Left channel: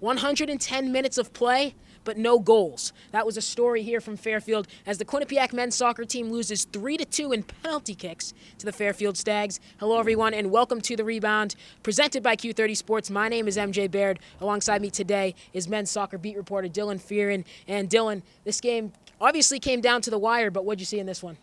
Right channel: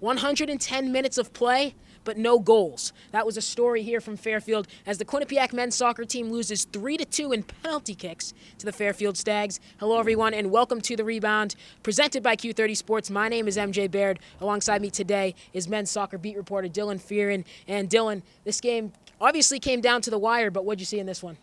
110 minutes of play, but no goals. That was a story here from Fairfield as the Quinnipiac men's soccer team loses 3-2 in penalty kicks to the Fairfield Stags. Hello, everyone, and welcome to The Rebound, presented by Q30 Sports. My name is MJ Baird. Alongside me today is men's soccer beat reporter Dylan Fearon. And Dylan, this game obviously came down to the wire, but what'd you see in this one?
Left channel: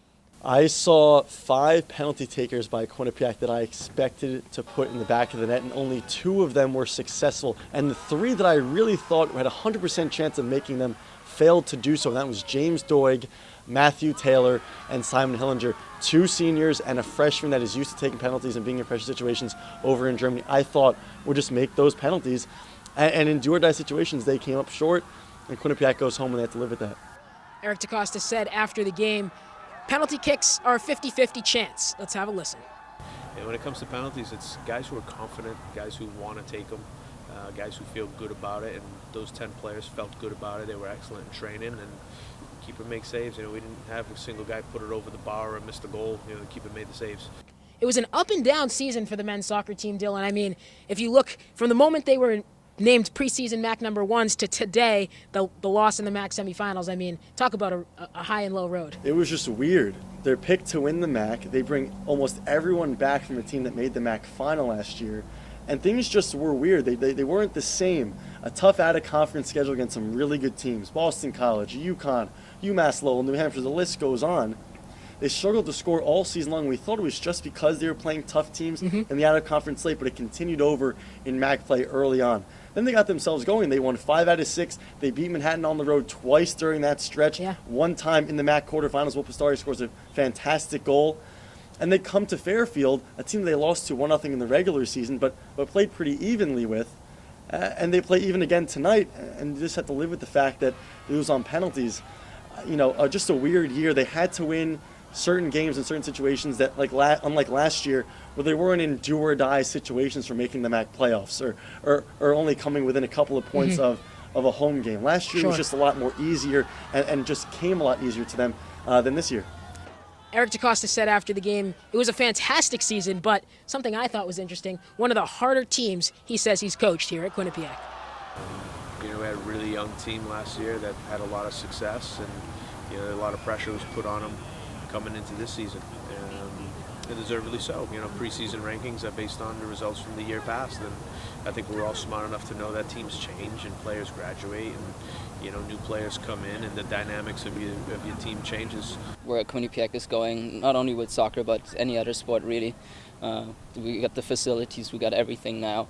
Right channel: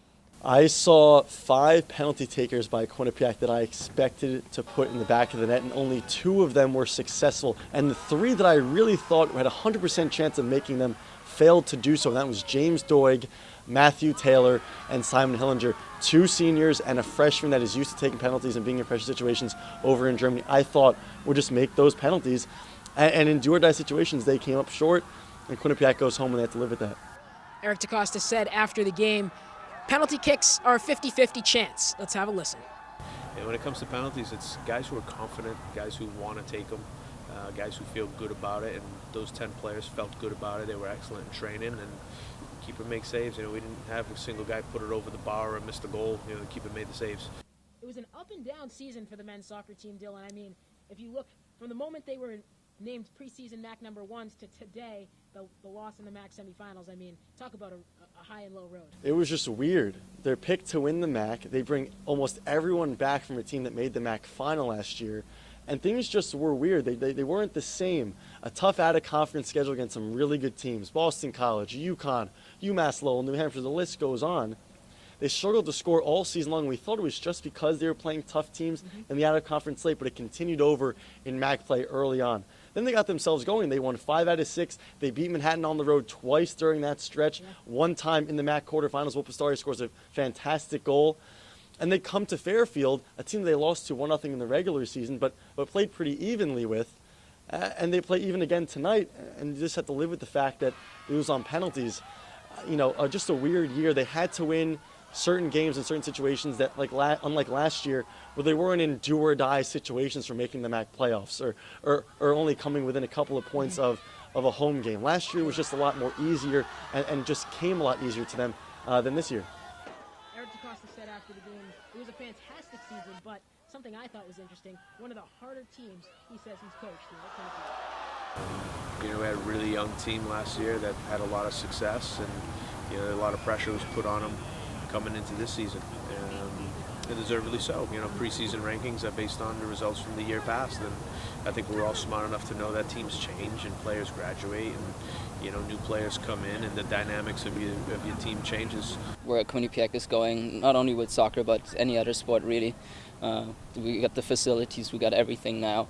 I saw 5 penalty takers by Quinnipiac that I expected to put in the back of the net, and only 2 of them were successful. And the 3 that I really thought had a 100% chance of making them failed to do so. And that was James Doig, Matthew Taylor, and Simon Hillinger, 2 seniors and a freshman that is used to taking penalties and being in pressure situations over in Germany. I thought would just make those penalties, and in do-or-die situations, they came up short, and Quinnipiac goes home and they have to live with that. Eric DeCosta said after the game, penalty kicks are a 50-50 chance. Let's have a listen. And when it comes to penalties, it's guys who are confident, guys who want to take them, guys who feel good about it, and those 10 players felt good about it. They were excellent in training, and keeper makes saves. We didn't have a single guy put it over the bar or miss the goal. The keeper made the saves. It was an up-and-down season for the men's soccer team, Dylan. I mean, if you look from the moment they were named preseason MAAC number 1s to today, the loss in the MAAC semifinals. I mean, talk about a high and low road. It was just weird. They're picked to win the MAAC. They bring almost everyone back from a team that made the MAAC final last year. And things just were weird. They weren't the same. A tough out-of-conference schedule against some really good teams. Boston College, UConn, UMass Lowell, New Hampshire, the list goes on. They struggled to score all season long. We thought it was just because they were playing tough teams in the out-of-conference slate, but it continued over in MAAC play early on. Then they got themselves going. They won 5 out of 6. They beat Manhattan on the road twice during that stretch. Yeah. One time in the MAAC quarterfinals, Will Pastari scores a fantastic goal. And they come to Fairfield, a team they lost to 1-0 in the regular season, but played pretty evenly with. And they play even again tonight, and you just have to live with the fact that they lose on penalties. Just a weird year. They had to win certain games in certain situations that, unlike last year, where they weren't in do-or-die situations for making the MAAC playoffs or only coming within a couple of points of a home game. Last year was just a lot more easier and just came a lot easier to them than this year. Eric DeCosta said after the game, it was a fantastic season, but something I thought was interesting, one of the harder teams he says he's coached here at Quinnipiac. We had a really young team last year that had a lot of success, and a lot of pressure was put on them coming into this season, and deservedly so. Preseason rankings are based on the results from the year past, and I think we're all smart enough to know that teams change and players graduate, and new players come in, and the dynamics of your team changes. Where Quinnipiac is going, not only with soccer but any other sport really. We got the facilities, we got everything now.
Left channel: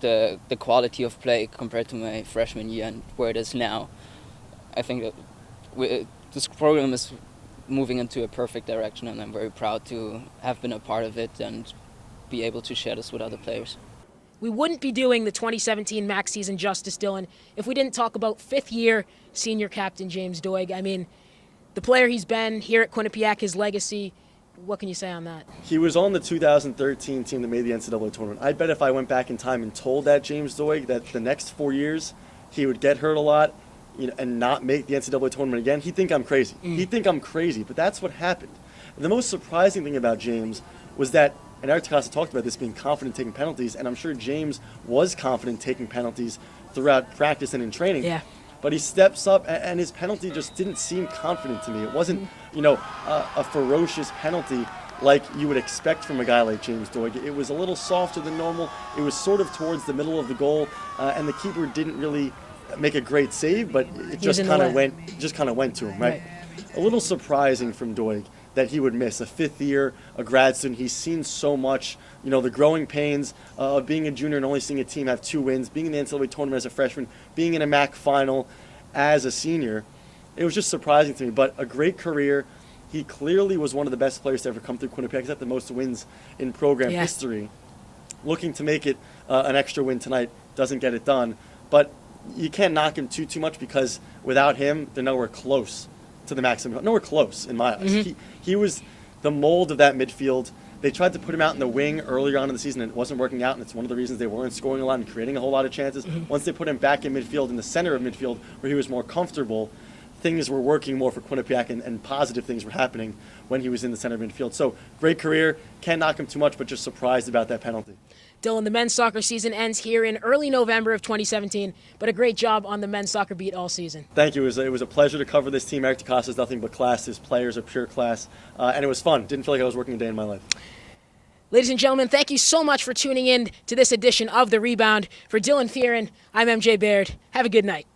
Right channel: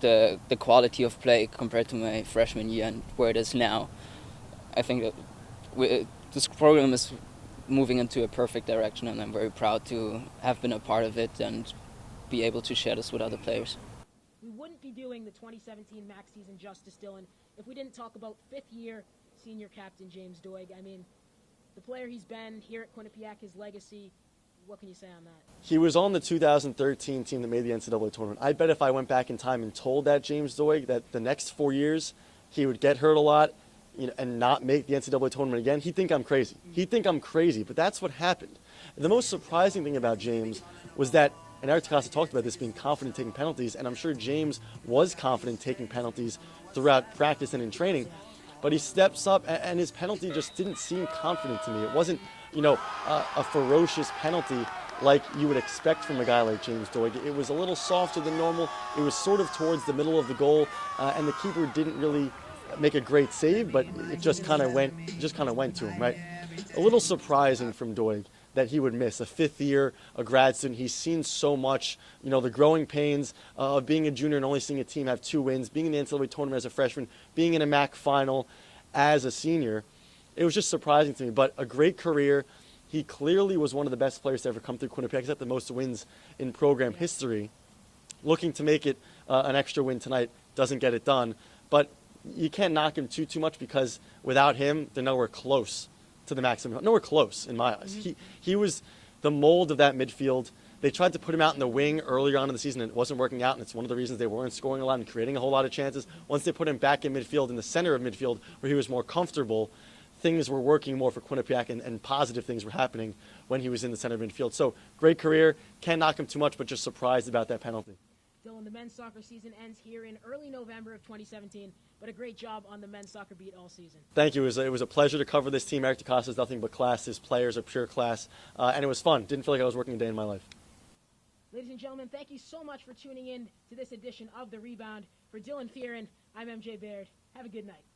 The quality of play compared to my freshman year and where it is now, I think that this program is moving into a perfect direction, and I'm very proud to have been a part of it and be able to share this with other players. We wouldn't be doing the 2017 MAAC season justice, Dylan, if we didn't talk about 5th-year senior captain James Doig. I mean, the player he's been here at Quinnipiac, his legacy, what can you say on that? He was on the 2013 team that made the NCAA tournament. I bet if I went back in time and told that James Doig that the next 4 years he would get hurt a lot, and not make the NCAA tournament again, he'd think I'm crazy. He'd think I'm crazy, but that's what happened. The most surprising thing about James was that, and Eric DeCosta talked about this, being confident taking penalties, and I'm sure James was confident taking penalties throughout practice and in training. Yeah. But he steps up, and his penalty just didn't seem confident to me. It wasn't, a ferocious penalty like you would expect from a guy like James Doig. It was a little softer than normal. It was sort of towards the middle of the goal, and the keeper didn't really make a great save, but it just kind of went to him, right? A little surprising from Doig that he would miss. A 5th year, a grad student, he's seen so much. The growing pains of being a junior and only seeing a team have 2 wins, being in the NCAA tournament as a freshman, being in a MAAC final as a senior. It was just surprising to me, but a great career. He clearly was one of the best players to ever come through Quinnipiac. He's had the most wins in program history. Looking to make it an extra win tonight, doesn't get it done, but you can't knock him too much, because without him, they're nowhere close to the maximum. Nowhere close, in my eyes. He was the mold of that midfield. They tried to put him out in the wing earlier on in the season, and it wasn't working out, and it's one of the reasons they weren't scoring a lot and creating a whole lot of chances. Once they put him back in midfield, in the center of midfield, where he was more comfortable, things were working more for Quinnipiac, and positive things were happening when he was in the center of midfield. So, great career. Can't knock him too much, but just surprised about that penalty. Dylan, the men's soccer season ends here in early November of 2017, but a great job on the men's soccer beat all season. Thank you. It was a pleasure to cover this team. Eric DeCosta is nothing but class. His players are pure class, and it was fun. Didn't feel like I was working a day in my life. Ladies and gentlemen, thank you so much for tuning in to this edition of The Rebound. For Dylan Fearon, I'm MJ Baird. Have a good night.